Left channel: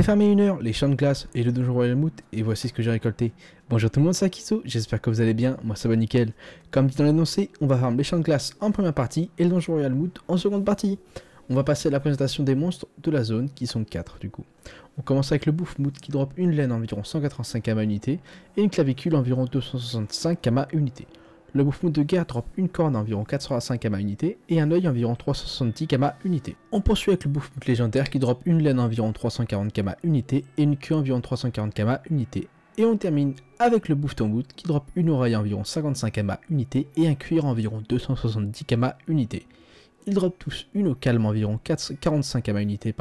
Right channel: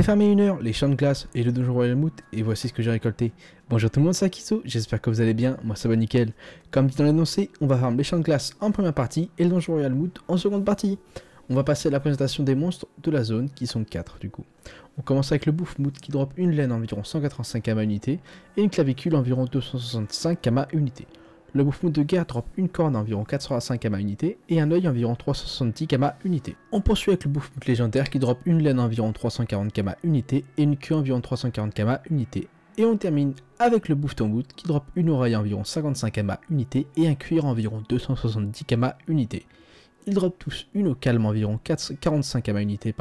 J'ai farmé 1 heure les champs de glace et le donjon Royal Moot et voici ce que j'ai récolté. Bonjour tout le monde, c'est Akiso, j'espère que vous allez bien, moi ça va nickel. Comme dit dans l'annoncé, on va farmer les champs de glace en première partie et le donjon Royal Moot en seconde partie. On va passer à la présentation des monstres de la zone qui sont 4 du coup. On commence avec le Bouffe Moot qui drop une laine environ 185 km unité et une clavicule environ 265 km unité. Le Bouffe Moot de guerre drop une corne environ 405 km unité et un œil environ 370 km unité. On poursuit avec le Bouffe Moot légendaire qui drop une laine environ 340 km unité et une queue environ 340 km unité. Et on termine avec le Bouffe Moot qui drop une oreille environ 55 km unité et un cuir environ 270 km unité. Ils drop tous une eau calme environ 45 km unité,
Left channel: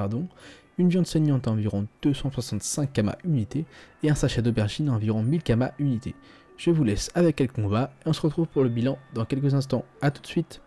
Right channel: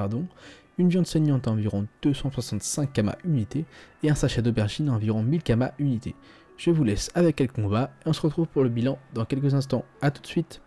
une viande saignante environ 265 km unité et un sachet d'aubergine environ 1000 km unité. Je vous laisse avec quelques combats et on se retrouve pour le bilan dans quelques instants. A tout de suite.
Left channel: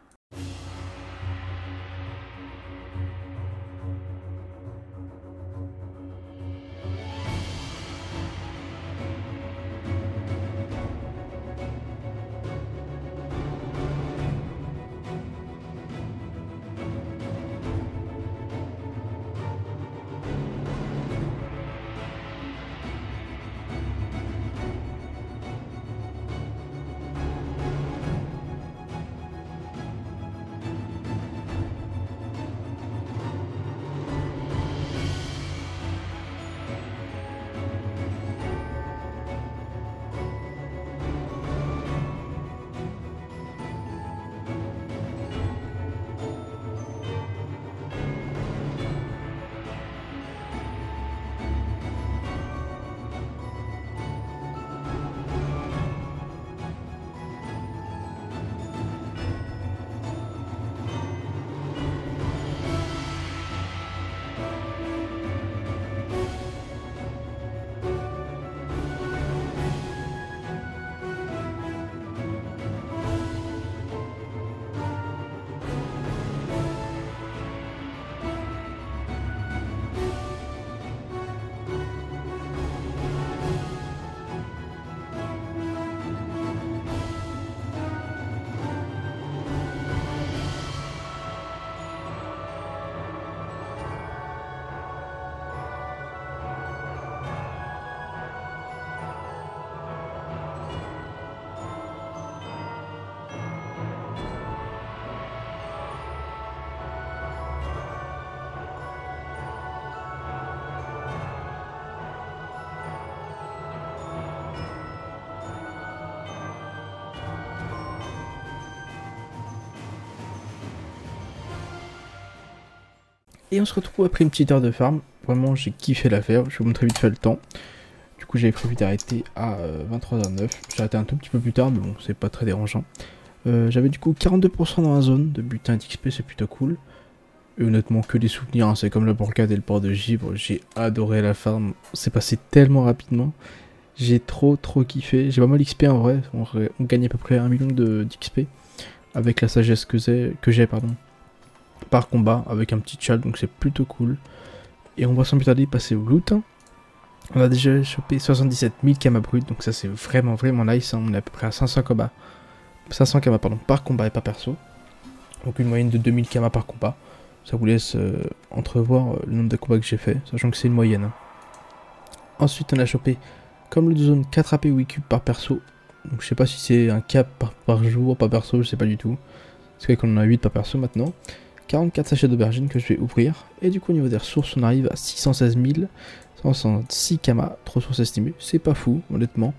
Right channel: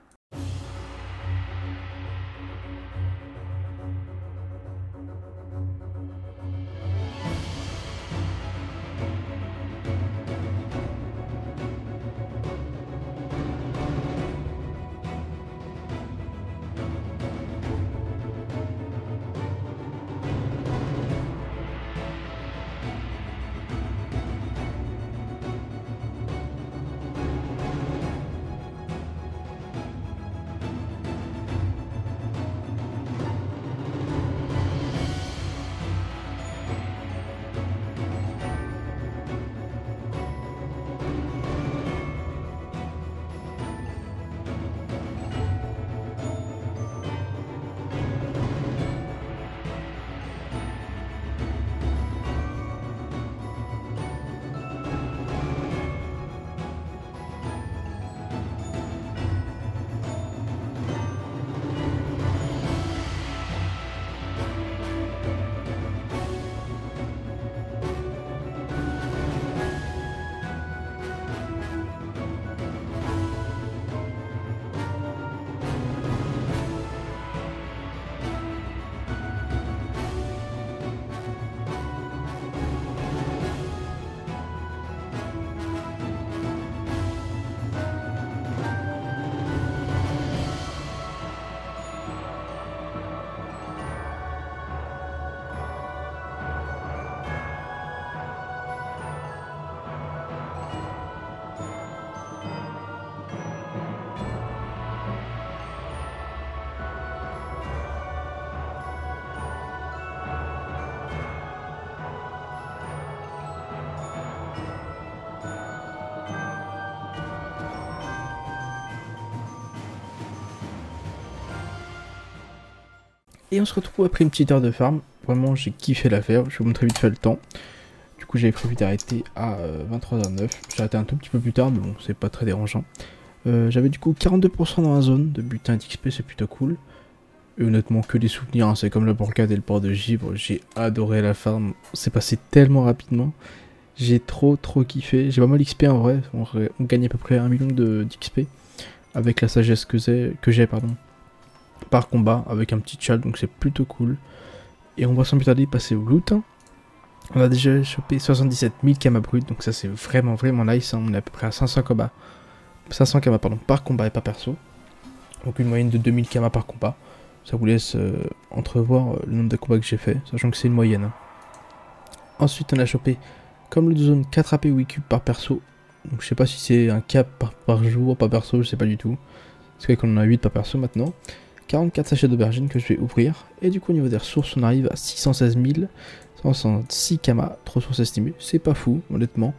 Et on se retrouve après une petite heure de farm. Vraiment j'ai kiffé l'affaire, je vais vous montrer vite fait le temps. Du coup j'avais prévu d'arrêter à 23h09. J'ai arrêté un tout petit peu plus tard mais bon c'est pas très dérangeant. J'avais du coup 42% dans la zone de butin d'XP, c'est plutôt cool. Et honnêtement que des souvenirs, hein. C'est comme le Borcade et le port de Givre, j'ai adoré la farm. C'est passé tellement rapidement. J'ai trop kiffé, j'ai pas mal d'XP en vrai. On gagne à peu près 1 million d'XP avec la sagesse que j'ai par combat avec un petit chal, donc c'est plutôt cool. Et on va sans plus tarder passer au loot. On a déjà chopé 77 000 km brut, donc ça c'est vraiment nice, hein. On est à peu près à 500 km par combat et pas perso. Donc une moyenne de 2000 km par combat. Ça vous laisse entrevoir le nombre de combats que j'ai fait, sachant que c'est une moyenne, hein. Ensuite on a chopé comme le zone 4 AP 8 cubes par perso. Donc je sais pas si c'est un cap par jour, par perso, je sais pas du tout. C'est vrai qu'on en a 8 par perso maintenant. 44 sachets d'aubergine que je vais ouvrir. Et du coup au niveau des ressources on arrive à 616 166 km de ressources estimées. C'est pas fou honnêtement.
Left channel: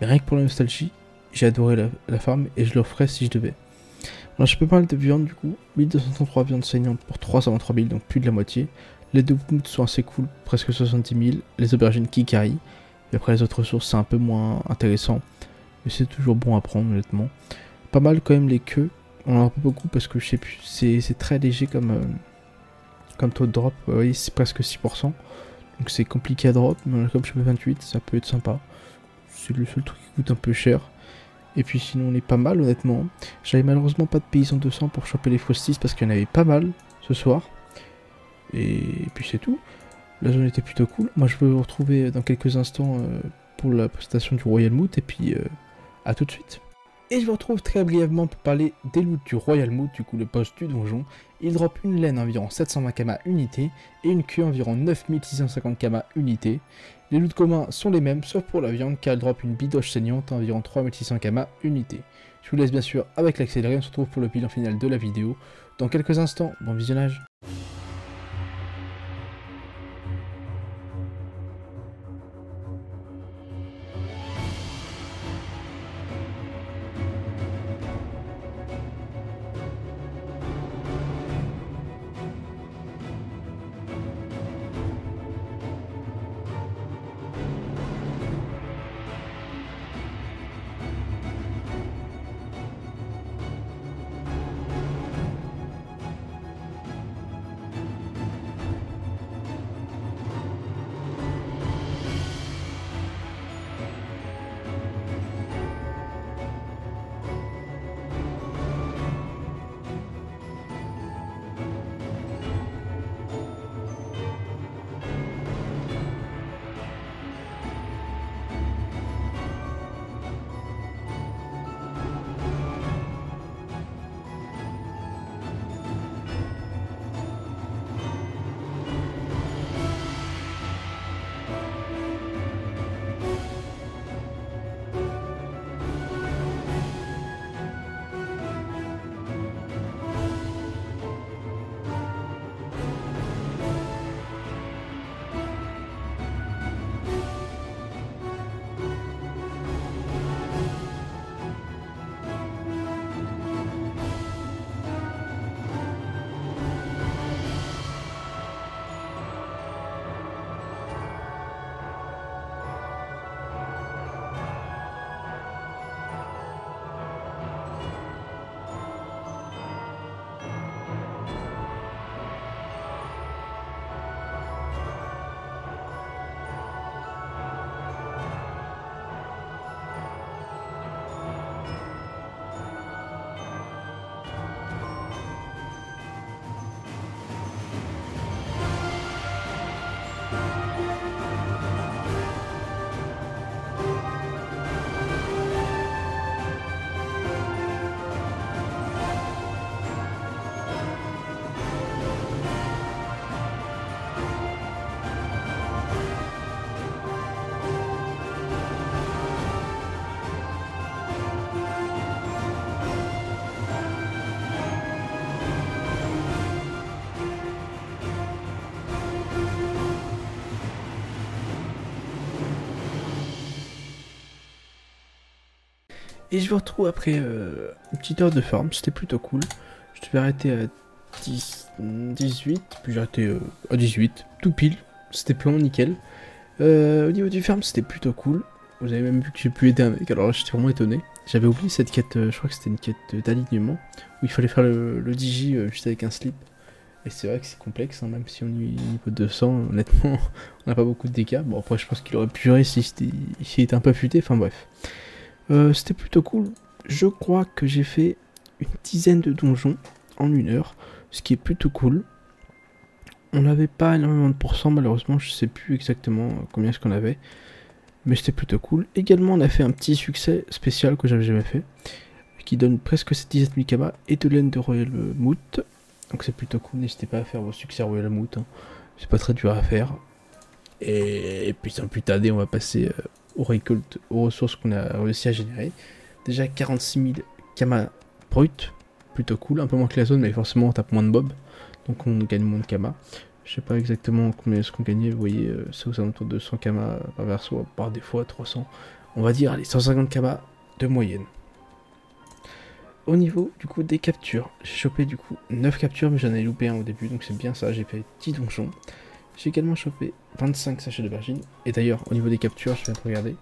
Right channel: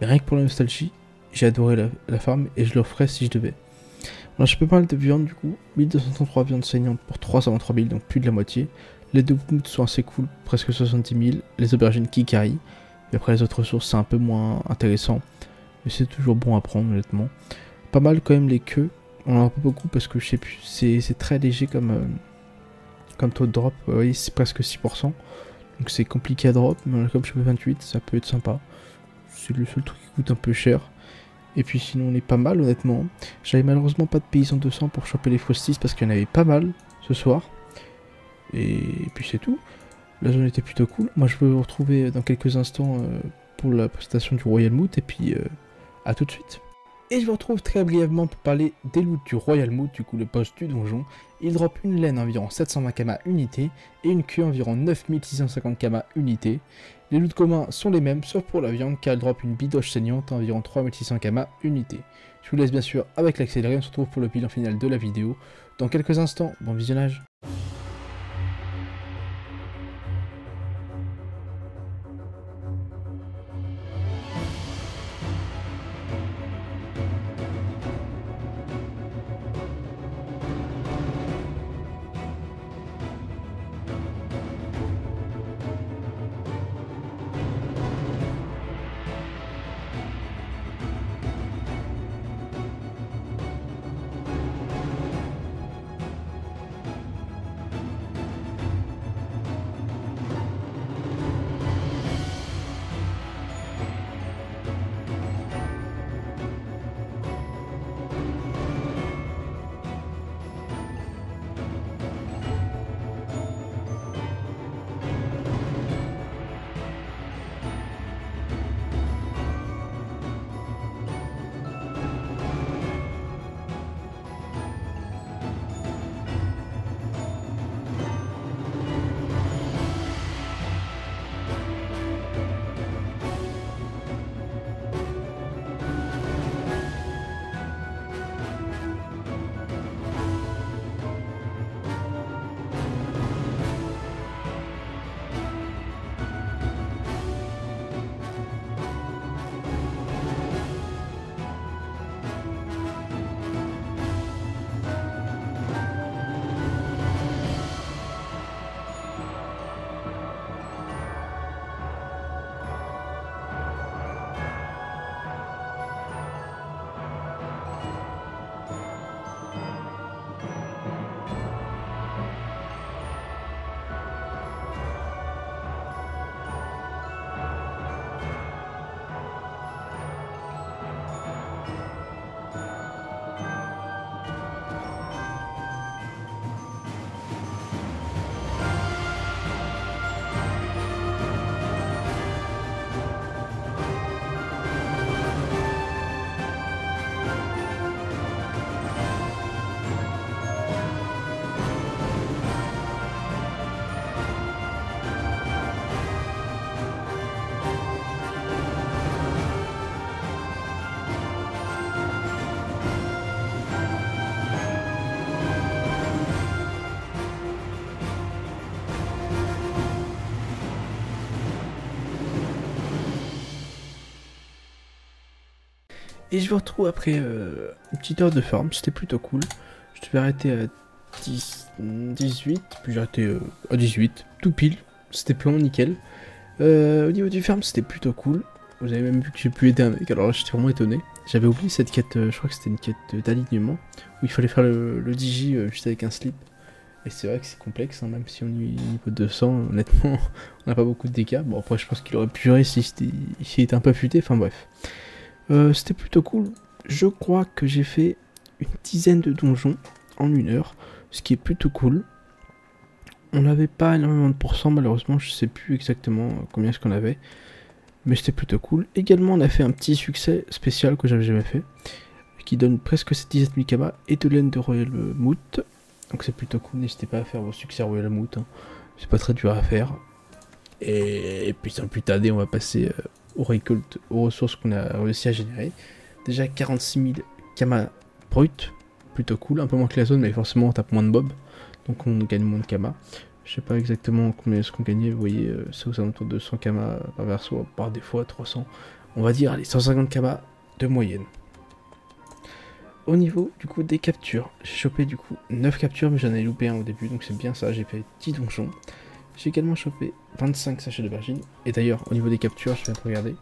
Mais rien que pour la nostalgie, j'ai adoré la farm et je le referais si je devais. On a chopé pas mal de viande du coup. 1233 viandes saignantes pour 323 000, donc plus de la moitié. Les deux moots sont assez cool, presque 70 000. Les aubergines qui carry. Et après les autres ressources c'est un peu moins intéressant. Mais c'est toujours bon à prendre honnêtement. Pas mal quand même les queues. On en a pas beaucoup parce que je sais plus, c'est très léger comme taux de drop, vous voyez c'est presque 6%. Donc c'est compliqué à drop, mais comme je fais 28, ça peut être sympa. C'est le seul truc qui coûte un peu cher. Et puis sinon on est pas mal honnêtement. J'avais malheureusement pas de paysan 200 pour choper les fausses parce qu'il y en avait pas mal ce soir. Et puis c'est tout. La zone était plutôt cool. Moi je vais vous retrouver dans quelques instants pour la présentation du Royal Moot et puis à tout de suite. Et je vous retrouve très brièvement pour parler des loots du Royal Mood, du coup le boss du donjon. Il drop une laine environ 720 kama unité et une queue environ 9650 kama unité. Les loots communs sont les mêmes sauf pour la viande car elle drop une bidoche saignante à environ 3600 kama unité. Je vous laisse bien sûr avec l'accéléré, on se retrouve pour le bilan final de la vidéo dans quelques instants. Bon visionnage. Et je vous retrouve après une petite heure de farm, c'était plutôt cool. Je devais arrêter à 18, puis j'ai arrêté à 18, tout pile, c'était plan, nickel. Au niveau du farm, c'était plutôt cool. Vous avez même vu que j'ai pu aider un mec, alors là j'étais vraiment étonné. J'avais oublié cette quête, je crois que c'était une quête d'alignement, où il fallait faire le DJ juste avec un slip. Et c'est vrai que c'est complexe, hein, même si on est niveau 200, honnêtement, on n'a pas beaucoup de dégâts. Bon après je pense qu'il aurait pu gérer s'il était un peu affûté, enfin bref. C'était plutôt cool. Je crois que j'ai fait une dizaine de donjons en 1 heure, ce qui est plutôt cool. On n'avait pas énormément de pourcents, malheureusement, je sais plus exactement combien est-ce qu'on avait, mais c'était plutôt cool. Également, on a fait un petit succès spécial que j'avais jamais fait, qui donne presque 17 000 kama et de laine de Royal Mood. Donc c'est plutôt cool, n'hésitez pas à faire vos succès Royal Mood, hein. C'est pas très dur à faire. Et puis sans plus tarder, on va passer aux récoltes, aux ressources qu'on a réussi à générer. Déjà 46 000 kama brut, plutôt cool, un peu moins que la zone, mais forcément on tape moins de mobs, donc on gagne moins de kama. Je sais pas exactement combien est-ce qu'on gagnait, vous voyez, c'est aux alentours de 100 kama par verso, par des fois 300, on va dire, allez, 150 kama de moyenne. Au niveau du coup des captures, j'ai chopé du coup 9 captures, mais j'en ai loupé un au début, donc c'est bien ça, j'ai fait 10 donjons. J'ai également chopé 25 sachets d'aubergine. Et d'ailleurs, au niveau des captures, je viens de regarder,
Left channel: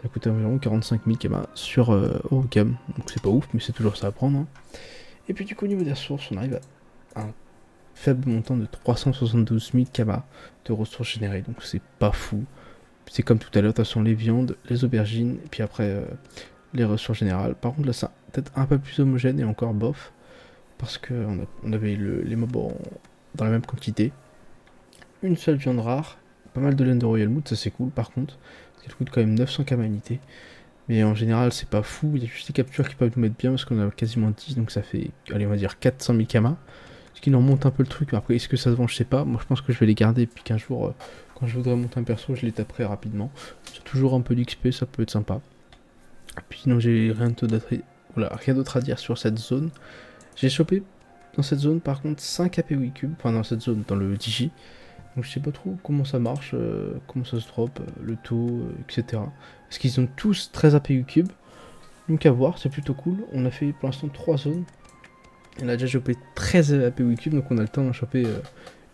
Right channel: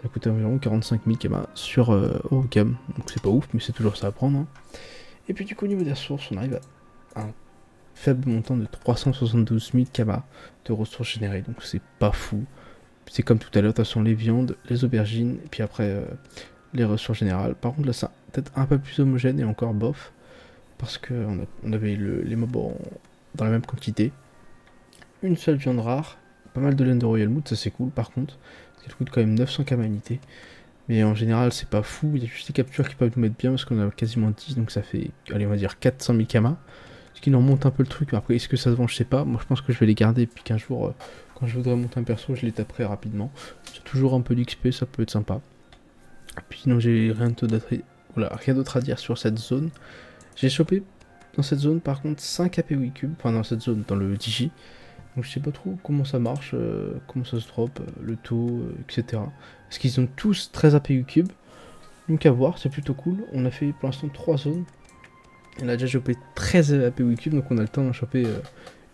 ça coûte environ 45 000 kama sur Eurocam. Donc c'est pas ouf, mais c'est toujours ça à prendre, hein. Et puis du coup, au niveau des ressources, on arrive à un faible montant de 372 000 kama de ressources générées. Donc c'est pas fou. C'est comme tout à l'heure, de toute façon, les viandes, les aubergines, et puis après les ressources générales. Par contre, là, c'est peut-être un peu plus homogène et encore bof. Parce qu'on on avait les mobs dans la même quantité. Une seule viande rare, pas mal de laine de Royal Mood, ça c'est cool par contre, parce qu'elle coûte quand même 900 kama unité. Mais en général, c'est pas fou. Il y a juste des captures qui peuvent nous mettre bien parce qu'on a quasiment 10, donc ça fait, allez, on va dire 400 000 kamas. Ce qui nous remonte un peu le truc. Après, est-ce que ça se vend? Je sais pas. Moi, je pense que je vais les garder. Et puis qu'un jour, quand je voudrais monter un perso, je les taperai rapidement. C'est toujours un peu d'XP, ça peut être sympa. Et puis, sinon, j'ai rien d'autre à dire sur cette zone. J'ai chopé dans cette zone, par contre, 5 APOI cubes. Enfin, dans cette zone, dans le Digi. Donc je sais pas trop comment ça marche, comment ça se drop, le taux, etc. Parce qu'ils ont tous 13 APU cubes. Donc à voir, c'est plutôt cool. On a fait pour l'instant 3 zones. On a déjà chopé 13 APU cubes, donc on a le temps d'en choper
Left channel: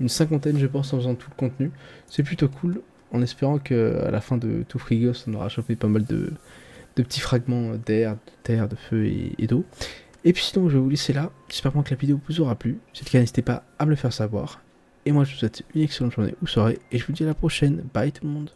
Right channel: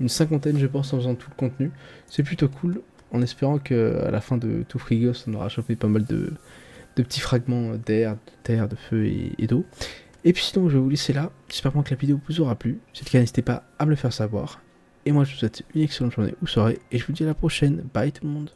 une cinquantaine je pense en faisant tout le contenu. C'est plutôt cool, en espérant qu'à la fin de tout Frigos, on aura chopé pas mal de petits fragments d'air, de terre, de feu et d'eau. Et puis sinon je vais vous laisser là, j'espère que la vidéo vous aura plu. Si c'est le cas, n'hésitez pas à me le faire savoir. Et moi je vous souhaite une excellente journée ou soirée, et je vous dis à la prochaine. Bye tout le monde.